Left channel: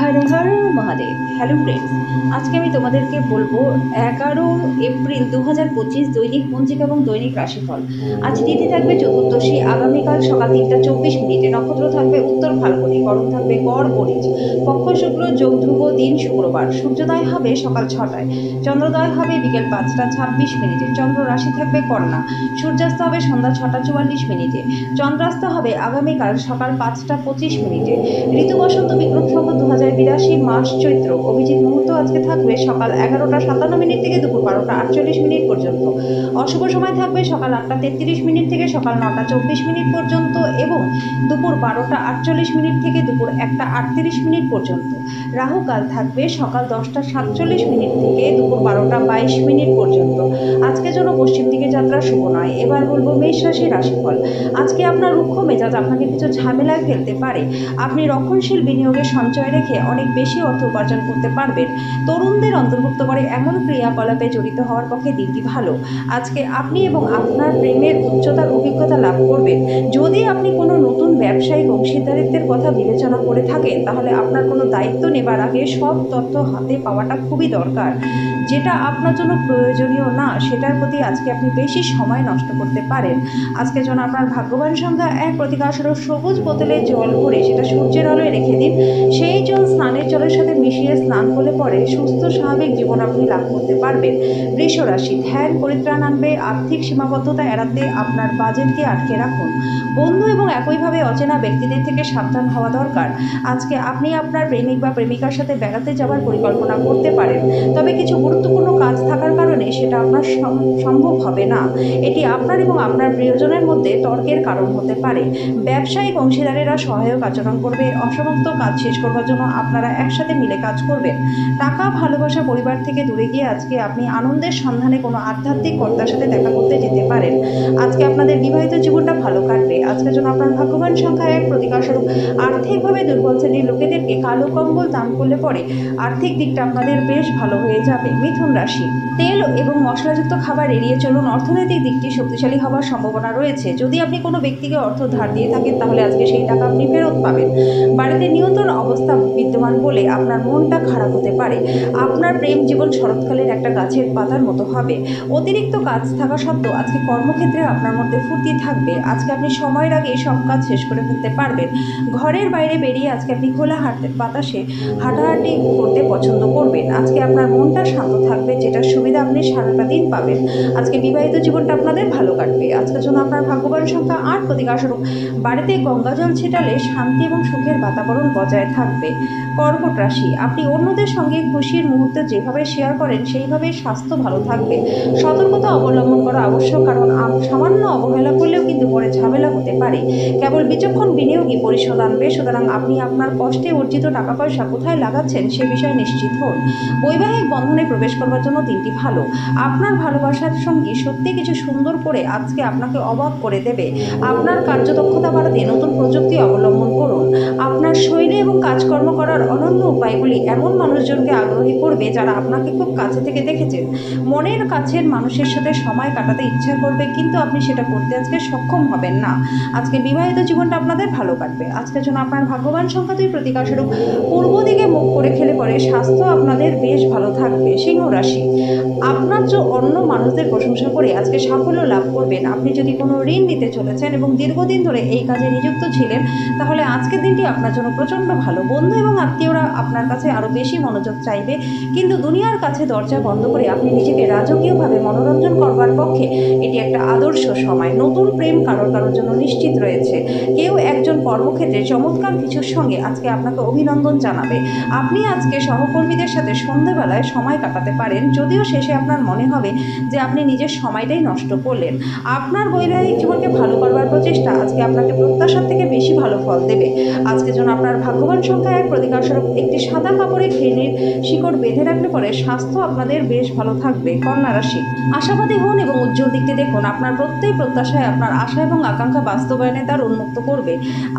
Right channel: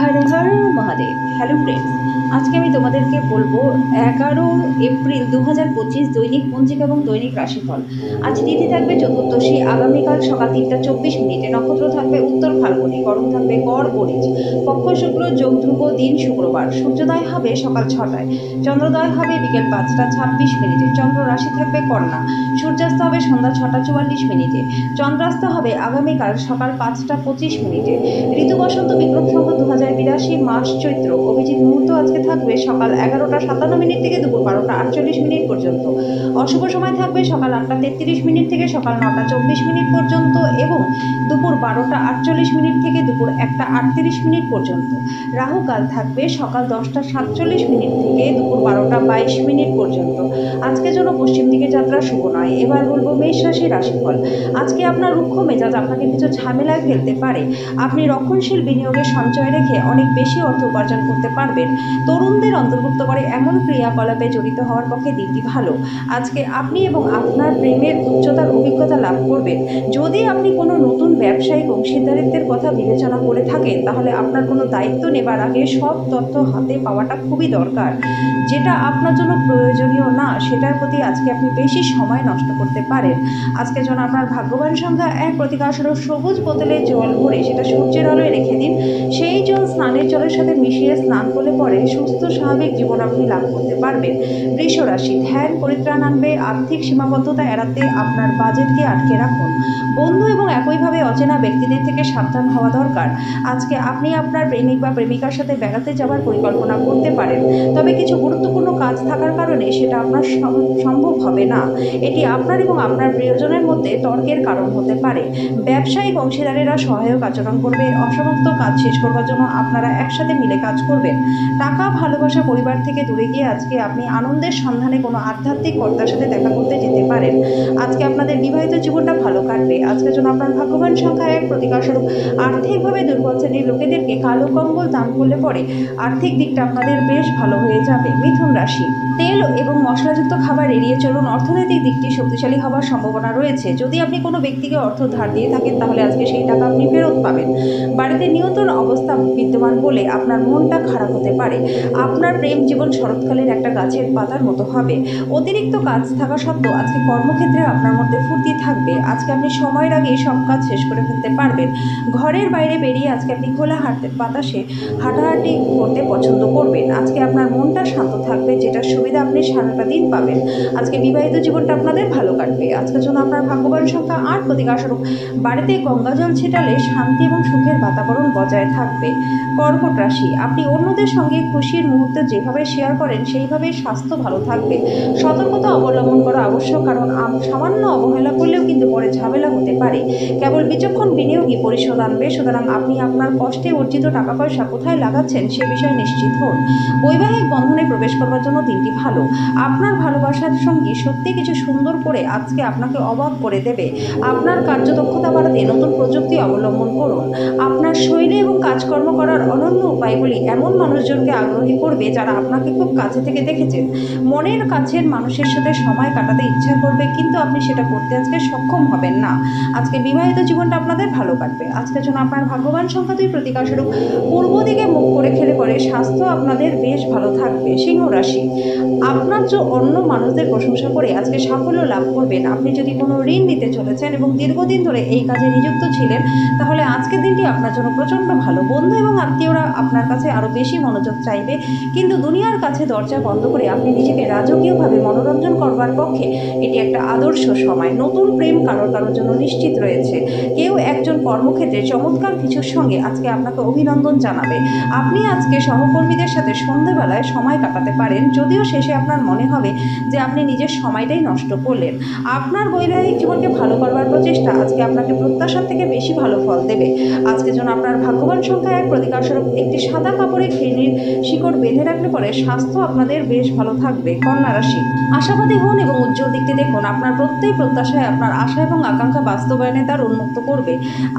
Har Har Mahadev. Hello friends, আজকে আমি তোমাদেরকে বলবো 11 এপ্রিল 2025 দৈনিক পঞ্জিকা এবং দৈনিক রাশিফল। আজ তিথি থাকবে চতুর্দশী, আগামীকাল সকাল 3টা 24 মিনিটে, নক্ষত্র থাকবে উত্তর ফাল্গুনী, করণ থাকবে কর বণিজ, পক্ষ শুক্ল, যোগ ধ্রুব, দিন শুক্রবার, সূর্যোদয় হবে সকাল 6টায়, চন্দ্রোদয় হবে বিকেল 5টা 26 মিনিটে, চন্দ্র রাশি থাকবে কন্যা, সূর্যাস্ত হবে সন্ধ্যা 6টা 44 মিনিটে, চন্দ্রাস্ত হবে আগামীকাল সকাল 5টা 25 মিনিটে। ঋতু বসন্ত, বিক্রম সংবৎ 2082, মাস চৈত্র। অভিজিৎ মুহূর্ত আজকে থাকবে সকাল 11টা 57 মিনিট থেকে দুপুর 12টা 48 মিনিট পর্যন্ত। অশুভ সময় থাকবে সকাল 8টা 33 মিনিট থেকে সকাল 9টা 24 মিনিট পর্যন্ত এবং দুপুর 12টা 48 মিনিট থেকে দুপুর 1টা 38 মিনিট পর্যন্ত। রাহুকাল থাকবে সকাল 10টা 47 মিনিট থেকে দুপুর 12টা 22 মিনিট পর্যন্ত। আজকের জন্য পশ্চিম দিকে যাত্রা শুভ নয়। এবার বলবো মেষ রাশি রাশিফল। আজকে আপনার রুক্ষ মেজাজ আপনাকে কিছু ঝামেলায় ফেলতে পারে। আপনি রক্ষণশীল বিনিয়োগের সঞ্চয় রেখে অনেক বেশি অর্থ উপার্জন করতে পারবেন। তরুণদের অন্তর্ভুক্ত করে এমন ক্রিয়াকলাপে জড়িত হওয়ার পক্ষে দিনটি ভালো। আজকে আপনি এবং আপনার প্রেমের উচ্চতার অভিজ্ঞতা লাভ করবেন। যদি আপনি কোনো নতুন ব্যবসায়িক অংশীদারিত্বের কথা বিবেচনা করে থাকেন, তাহলে আপনার কোনো দায়িত্ব নেবার আগে সব তথ্য হাতে পাওয়াটা খুবই দরকার। যেটা আপনার জন্য প্রয়োজনীয় না, সেটার প্রতি আজকে আপনি বেশি সময় নষ্ট করতে পারেন। আজকের জন্য আপনার ভাগ্যবান সংখ্যা 1, প্রতিকারস্বরূপ সবুজ বোতলে জল ভরে সেটা সূর্যের আলোয় রেখে দিন। সেই জল স্নানের জলের সাথে মিশিয়ে স্নান করলে পরে সুস্থ স্বাভাবিক জীবন আপনি লাভ করতে পারবেন। বৃষ রাশি, ধ্যান পরিত্রাণ আনবে। আর্থিক সীমাবদ্ধতা এড়াতে আপনার বাজেটকে আটকে রাখুন। বন্ধু এবং একইভাবে অচেনা ব্যক্তিদের থেকে সাবধান হওয়া দরকার। আজকে আপনি আপনার প্রেমিক বা প্রেমিকার সাথে বেড়াতে যাওয়ার পরিকল্পনা করতে পারেন, তবে কিছু গুরুত্বপূর্ণ কাজ থাকার কারণে সেটা আপনার সম্ভব হবে না। এটি আপনার এবং আপনার প্রিয়জনের মধ্যে তর্কের কারণ হতে পারে। ব্যবসায়িক অংশীদারেরা সহায়ক আচরণ করবে। অসমাপ্ত কাজ শেষ করবার জন্য আপনারা একসাথে মিলে কাজ করবেন। টাকা, ভালোবাসা, পরিবার থেকে দূরে গিয়ে আজকে আপনি আনন্দের সন্ধানে কোনো আধ্যাত্মিক কর্তার সাথে দেখা করতে যেতে পারেন। আজকে আপনাদের বিবাহিত জীবনটা ভালো কাটবে। আজকের জন্য আপনার ভাগ্যবান সংখ্যা 1, প্রতিকারস্বরূপ আর্থিকভাবে দুর্বল শ্রেণীর লোকেদেরকে কালো কম্বল দান করলে পরে আর্থিক দিকটা আপনাদের বেশ ভালো হয়ে যাবে। মিথুন রাশি, তেল এবং মশলাযুক্ত খাবার এড়িয়ে চলুন। অর্থনৈতিক দিকটি শক্তিশালী হওয়ার সম্ভাবনা রয়েছে। যদি আপনি কোনো ব্যক্তিকে অর্থ ধার দিয়ে থাকেন, তাহলে আজকে সেই টাকা আপনি ফেরত পাবেন। বাড়িতে নিয়ন্ত্রণ অবস্থা বিদ্যমান বলে আপনার মনটা খারাপ হতে পারে। আপনার প্রেম জীবন শরৎকালের একটা গাছের পাতার মতো হবে। অতিরিক্ত কাজ থাকা সত্ত্বেও আজকে কর্মক্ষেত্রে আপনার মধ্যে ফুর্তি থাকবে। আজকে আপনি সময়ের আগে সব কাজ শেষ করে ফেলতে পারবেন। ঘরের বাইরে বেরিয়ে আজকে আপনি খোলা বাতাসে হাঁটাহাঁটি করতে পছন্দ করবেন। আজকে আপনার মনটা শান্ত থাকবে, যেটার সুবিধা আপনি সারাটা দিন পাবেন। আজকে বিবাহিত জীবনটা আপনাদের ভালো কাটবে। আজকের জন্য আপনার ভাগ্যবান সংখ্যা 8, প্রতিকারস্বরূপ বাড়িতে গঙ্গাজল ছিটালে শান্তি এবং সুখের বাতাবরণ বজায় থাকবে। কর্কট রাশি, আপনি অন্যদের সঙ্গে খুশির মুহূর্তে যেভাবে শেয়ার করেন সেইভাবে স্বাস্থ্য ভালো থাকবে। সতর্কতা অবলম্বন করা আবশ্যক, কারণ সামান্য অবহেলা করলেও কিন্তু পরে ঝামেলা হতে পারে। কেবল বিচক্ষণ বিনিয়োগই পরিশোধ আনবে। সুতরাং আপনি আপনার কষ্টে অর্জিত টাকা পয়সা কোথায় লাগাচ্ছেন সে বিষয়ে নিশ্চিত হন। বৈবাহিক বন্ধনে প্রবেশ করবার জন্য দিনটি ভালো। আপনার ভালোবাসার সঙ্গী সত্যি কিছু সুন্দর করে আজকে আপনাকে অবাক করে দেবে। আপনার কার্যদক্ষতা বাড়াতে নতুন প্রযুক্তি অবলম্বন করুন। আপনার শৈলী এবং কাজকর্ম করার অনন্য উপায়গুলি এমন মানুষজনকে আগ্রহী করবে যারা আপনাকে খুব কাছে থেকে দেখেছেন। মনের কাছের মানুষের সাথে সময় কাটাতে ইচ্ছা করবে, কিন্তু আপনি সেটা করতে আজকে সক্ষম হবেন না। আজকে বিবাহিত জীবনটা আপনাদের ভালো কাটবে। আজকের জন্য আপনার ভাগ্যবান সংখ্যা 2, প্রতিকারস্বরূপ পূর্ব দিকে মুখ করে খেলে পরে স্বাস্থ্য আপনাদের বেশ ভালো থাকবে। সিংহ রাশি, আপনার যে অন্য মানুষদের প্রশংসা করে আজকে সাফল্য লাভ করবেন। আপনি যদি কোনো ঋণ নিতে চলেছেন এবং দীর্ঘদিন ধরে এই কাজে নিযুক্ত ছিলেন, তাহলে আজকের দিনটি আপনার জন্য প্রচণ্ড ভালো। বন্ধু এবং আত্মীয়রা আপনার কাছে আরও বেশি মনোযোগ চাইবে, কিন্তু দুনিয়ার কাছে দরজা বন্ধ করে আপনি নিজেকে রাজকীয়ভাবে মনোরঞ্জন করবার পক্ষে এটি একটা আদর্শ সময়। নতুন প্রেম কারোর জন্য নিশ্চিত রয়েছে। কেউ একজন কর্মক্ষেত্রে চমৎকার কিছুর সঙ্গে আজকে আপনাকে অভিনন্দন জানাবে। আপনি আজকে সহকর্মীদের সাথে সন্ধ্যেবেলায় সময় কাটাতে পারেন, যদিও শেষে আপনার মনে হবে যে আপনি নিজের সময়টাই নষ্ট করলেন। আপনার বৈবাহিক জীবনকে ভালো করবার প্রচেষ্টা আজকে আপনাকে প্রত্যাশার থেকে বেশি ভালো ফল দেবে। আজকের জন্য আপনার ভাগ্যবান সংখ্যা 1, প্রতিকারস্বরূপ একটি সাদা কাপড়ে শিকড় বেঁধে রাখলে পরে স্বাস্থ্য আপনাদের বেশ ভালো থাকবে। কন্যা রাশি, আশাবাদী হন এবং উজ্জ্বল দিকটি দেখুন। আপনার প্রত্যেক প্রত্যাশায় আপনার আশা এবং আকাঙ্ক্ষা বাস্তবায়নের দ্বার উন্মুক্ত করবে।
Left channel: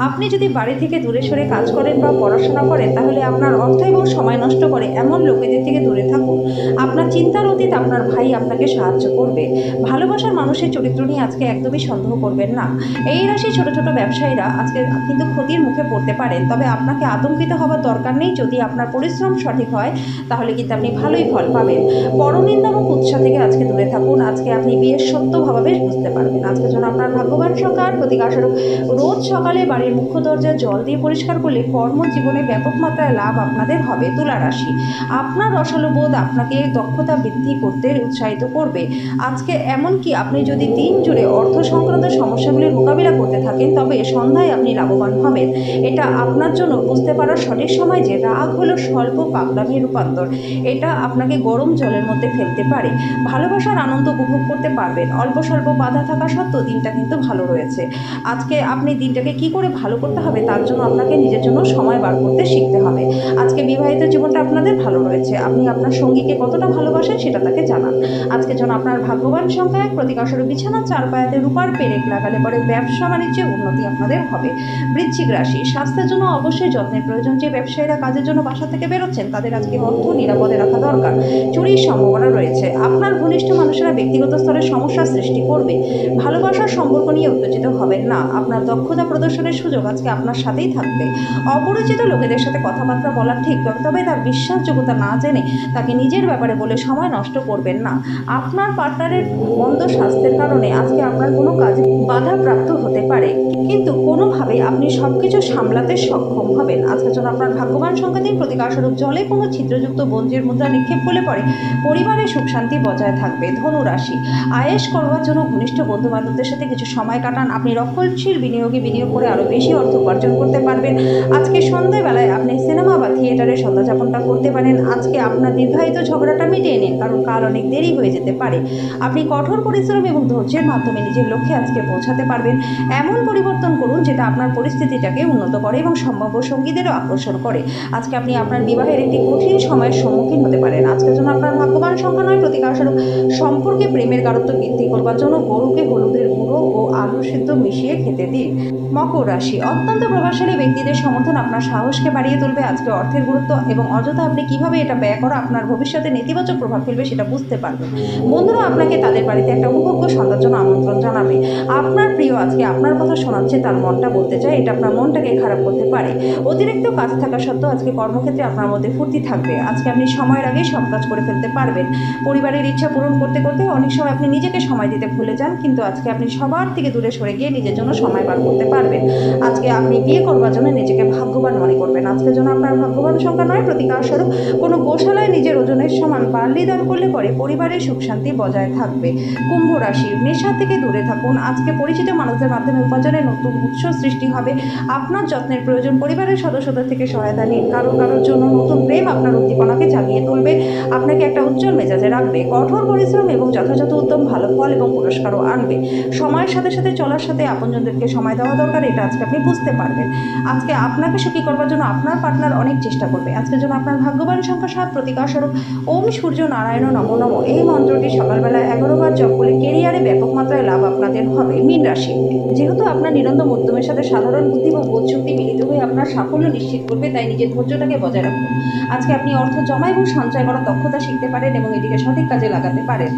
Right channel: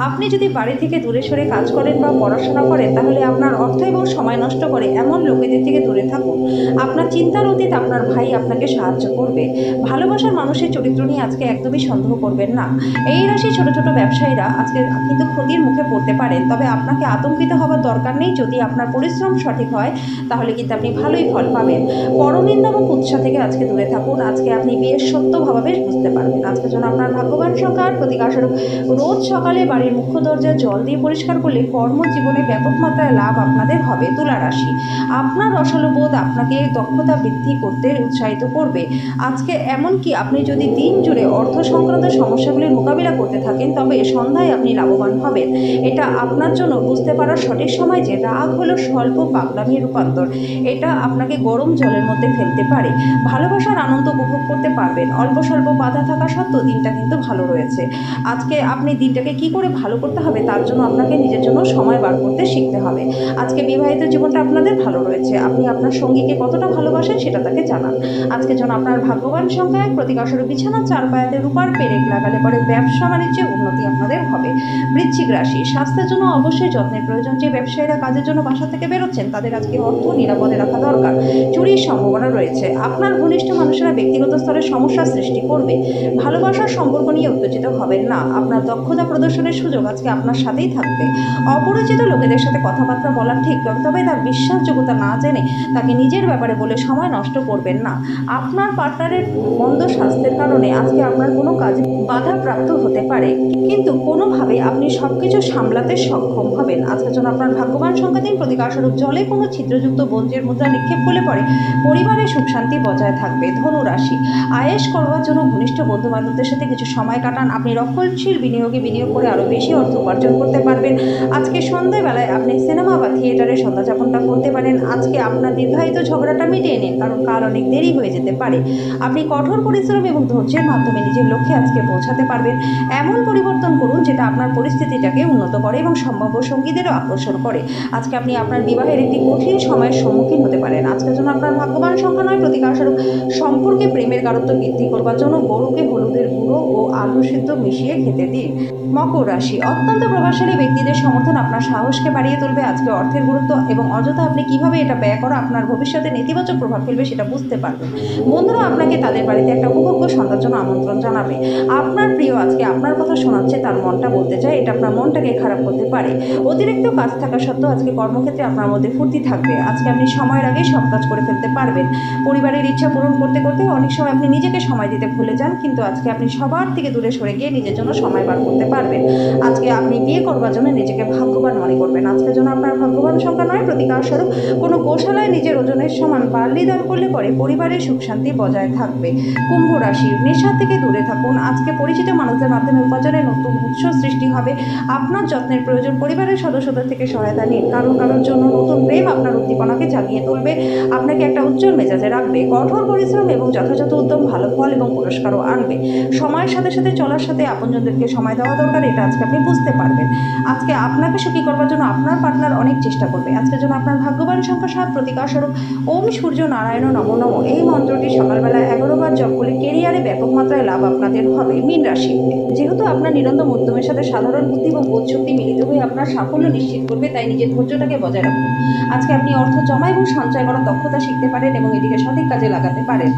আপনি যদি বাড়ি থেকে দূরে সরে কাজ করেন বা পড়াশোনা করেন, তাহলে আপনার অর্থ এবং সময় নষ্ট করে এমন লোকেদের থেকে দূরে থাকুন। আপনার চিন্তার অতীত আপনার ভাই আপনাকে সাহায্য করবে। ভালোবাসার মানুষের চরিত্র নিয়ে আজকে একদমই সন্দেহ করবেন না। এই রাশি ছোট ছোট ব্যবসায়ীরা আজকে কিন্তু ক্ষতির মুখে পড়তে পারেন, তবে আপনাকে আতঙ্কিত হওয়ার দরকার নেই। যদি আপনার পরিশ্রম সঠিক হয় তাহলে কিন্তু আপনি ভালোই ফল পাবেন। পরনিন্দা এবং কুৎসা থেকে আজকে দূরে থাকুন। আজকে আপনি বিয়ের সত্য ভাবাবেশ বুঝতে পারবেন। আজকের জন্য আপনার ভাগ্যবান সংখ্যা আর প্রতিকারস্বরূপ রোজ সকালে বাড়ির মুখ্য দরজা জল দিয়ে পরিষ্কার করলে কর্মজীবনে ব্যাপক মাত্রায় লাভ আপনাদের হবে। তুলা রাশি, আপনার রসালো বোধ আপনাকে দক্ষতা বৃদ্ধি করতে উৎসাহিত করবে। আজকে এমনকি আপনি যদি দিন জুড়ে অর্থ সংক্রান্ত সমস্যাগুলির মোকাবিলা করতে থাকেন, তবে সন্ধ্যায় আপনি লাভবান হবেন। এটা আপনার জন্য বুঝতে পারার সঠিক সময় যে রাগ হলো স্বল্প পাগলামির রূপান্তর। এটা আপনাকে গরম জলের মধ্যে ফেলতে পারে। ভালোবাসার আনন্দ উপভোগ করতে পারবেন। অল্প স্বল্প বাধা থাকা সত্ত্বেও দিনটা কিন্তু ভালো রয়েছে। আজকে আপনি দিনটাকে কি করে ভালো করতে হবে তার জন্য আপনাকে নিজের জন্য সময় বার করতে শিখতে হবে। আজকে বিবাহিত জীবনটা আপনাদের ভালো রয়েছে। আপনি আপনার সঙ্গীকে কতটা ভালোবাসেন সেটা তাকে জানান। আজকে যেন আপনার ভাগ্যবান সংখ্যায় প্রতিকারস্বরূপ বিছানা চার পায়াতে রূপার পেরেক লাগালে পরে ব্যবসা বাণিজ্যে উন্নতি আপনাদের হবে। বৃশ্চিক রাশি, স্বাস্থ্যের জন্য অবশ্যই যত্নের প্রয়োজন। যে ব্যবসায়ীরা কাজের জন্য বাসা থেকে বেরোচ্ছেন তাদের আজকে অর্থ নিরাপদে রাখা দরকার। চুরির সম্ভাবনা রয়েছে। আপনার ঘনিষ্ঠ মানুষেরা ব্যক্তিগত স্তরে সমস্যার সৃষ্টি করবে। ভালোবাসার সম্পর্ক নিয়ে উত্তেজিত হবেন না। আপনার দক্ষতা প্রদর্শনের সুযোগ আজকে আপনার সাথেই থাকবে। অপরিচিত লোকেদের সাথে কথাবার্তা বলা ঠিক, তবে তার বিশ্বাসযোগ্যতা না জেনে তাকে নিজের ব্যাপারে বলে সময় নষ্ট করবেন না। আপনার পার্টনারের মন্দ স্বাস্থ্যের কারণে আজকে আপনার কোনো কাজে বাধাপ্রাপ্ত হতে পারে, কিন্তু কোনোভাবে আপনি সবকিছু সামলাতে সক্ষম হবেন। আজকের জন্য আপনার ভাগ্যবান সংখ্যা 3, প্রতিকারস্বরূপ জলে কোনো ছিদ্রযুক্ত বঞ্জের মুদ্রা নিক্ষেপ করলে পরে পরিবারে সুখ শান্তি বজায় থাকবে। ধনু রাশি, আয়েশ করবার জন্য ঘনিষ্ঠ বন্ধু বান্ধবদের সাথে কিছু সময় কাটান। আপনি রক্ষণশীল বিনিয়োগে বিনিয়োগ করে আরও বেশি অর্থ উপার্জন করতে পারবেন। আজকে সন্ধ্যাবেলায় আপনি সিনেমা বা থিয়েটারে সন্ধ্যাযাপনটা করতে পারেন। আজকে আপনার দীর্ঘায়িত ঝগড়াটা মিটিয়ে নিন, কারণ কাল অনেক দেরি হয়ে যেতে পারে। আপনি কঠোর পরিশ্রম এবং ধৈর্যের মাধ্যমে নিজের লক্ষ্যে আজকে পৌঁছাতে পারবেন। এমন পরিবর্তন করুন যেটা আপনার পরিস্থিতিটাকে উন্নত করে এবং সম্ভাব্য সঙ্গীদেরও আকর্ষণ করে। আজকে আপনি আপনার বিবাহের একটি কঠিন সময়ের সম্মুখীন হতে পারেন। আজকের জন্য আপনার ভাগ্যবান সংখ্যা 9, প্রতিকারস্বরূপ সম্পর্কে প্রেমের গাঢ়ত্ব বৃদ্ধি করবার জন্য গরুকে হলুদের গুঁড়ো ও আলু সিদ্ধ মিশিয়ে খেতে দিন। মকর রাশি, অত্যন্ত প্রভাবশালী ব্যক্তিদের সমর্থন আপনার সাহসকে বাড়িয়ে তুলবে। আজকে অর্থের গুরুত্ব এবং অযথা আপনি কিভাবে এটা ব্যয় করা আপনার ভবিষ্যতে নেতিবাচক প্রভাব ফেলবে সেটা বুঝতে পারবেন। বন্ধুরা আপনাকে তাদের বাড়িতে একটা উপভোগ্য সন্ধ্যার জন্য আমন্ত্রণ জানাবে। আপনার প্রিয় আজকে আপনার কথা শোনাচ্ছে, তার মনটা বলতে চায়, এটা আপনার মনটাকে খারাপ করতে পারে। অতিরিক্ত কাজ থাকা সত্ত্বেও আজকে কর্মক্ষেত্রে আপনার মধ্যে ফুর্তি থাকবে। আজকে আপনি সময়ের আগেই সব কাজ করে ফেলতে পারবেন। পরিবারের ইচ্ছা পূরণ করতে করতে অনেক সময় আপনি নিজেকে সময় দিতে ভুলে যান, কিন্তু আজকে আপনি সবার থেকে দূরে সরে গিয়ে নিজের জন্য সময় বার করতে পারবেন। আজকে আপনি বিয়ে করবার জন্য নিজেকে ভাগ্যবান মনে করবেন। আজকের জন্য আপনার ভাগ্যবান সংখ্যা 9, প্রতিকারস্বরূপ কোনো গোশালায় নিজের ওজনের সমান বার্লি দান করলে পরে পরিবারের সুখ শান্তি বজায় থাকবে। কুম্ভ রাশি, নেশা থেকে দূরে থাকুন। আজকে পরিচিত মানুষদের মাধ্যমে উপার্জনের নতুন উৎস সৃষ্টি হবে। আপনার যত্নের প্রয়োজন। পরিবারের সদস্যদের থেকে সহায়তা নিন। কারোর জন্য নতুন প্রেম আপনার উদ্দীপনাকে জাগিয়ে তুলবে, আপনাকে একটা উজ্জ্বল মেজাজে রাখবে। কঠোর পরিশ্রম এবং যথাযথ উদ্যম ভালো ফল এবং পুরস্কারও আনবে। সময়ের সাথে সাথে চলার সাথে আপনজনদেরকে সময় দেওয়া দরকার, এটা আজকে আপনি বুঝতে পারবেন। আজকে আপনাকে সুখী করবার জন্য আপনার পার্টনার অনেক চেষ্টা করবে। আজকের জন্য আপনার ভাগ্যবান সংখ্যা 7, প্রতিকারস্বরূপ ওম সূর্য নারায়ণ নমো নমঃ। এই মন্ত্রটি সকালবেলা 11 বার জপ করলে কেরিয়ারে ব্যাপক মাত্রায় লাভ আপনাদের হবে। মীন রাশি, যেহেতু আপনার নিরন্তর উদ্যমের সাথে সাধারণ বুদ্ধি এবং বোধশক্তি মিলিত হয়ে আপনার সাফল্য নিশ্চিত করবে, তাই নিজের ধৈর্যটাকে বজায় রাখুন। আজকে আপনি অর্থ জমা এবং সঞ্চয় করার দক্ষতা শিখতে পারেন এবং এটিকে সঠিক কাজে লাগাতে পারেন।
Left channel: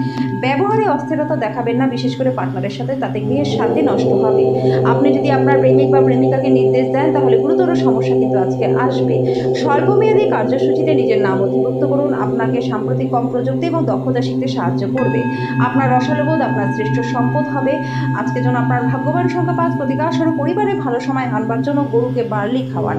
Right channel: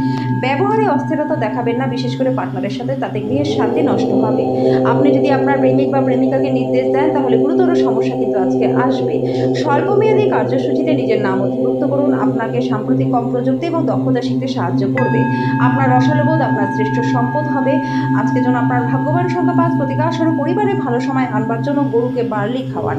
ব্যবহারে অস্থিরতা দেখাবেন না, বিশেষ করে পার্টনারের সাথে, তাতে গৃহের শান্তি নষ্ট হবে। আপনি যদি আপনার প্রেমিক বা প্রেমিকাকে নির্দেশ দেন তাহলে গুরুতর সমস্যা কিন্তু আজকে আসবে। স্বল্পমেয়াদী কার্যসূচিতে নিজের নাম অধিভুক্ত করুন। আপনাকে সাম্প্রতিক কম প্রযুক্তি এবং দক্ষতা শিখতে সাহায্য করবে। আপনার রসালোবোধ আপনার শ্রেষ্ঠ সম্পদ হবে। আজকের জন্য আপনার ভাগ্যবান সংখ্যা 5, প্রতিকারস্বরূপ পরিবারে ভালো সময় আনবার জন্য গরুকে বার্লি খাওয়ান।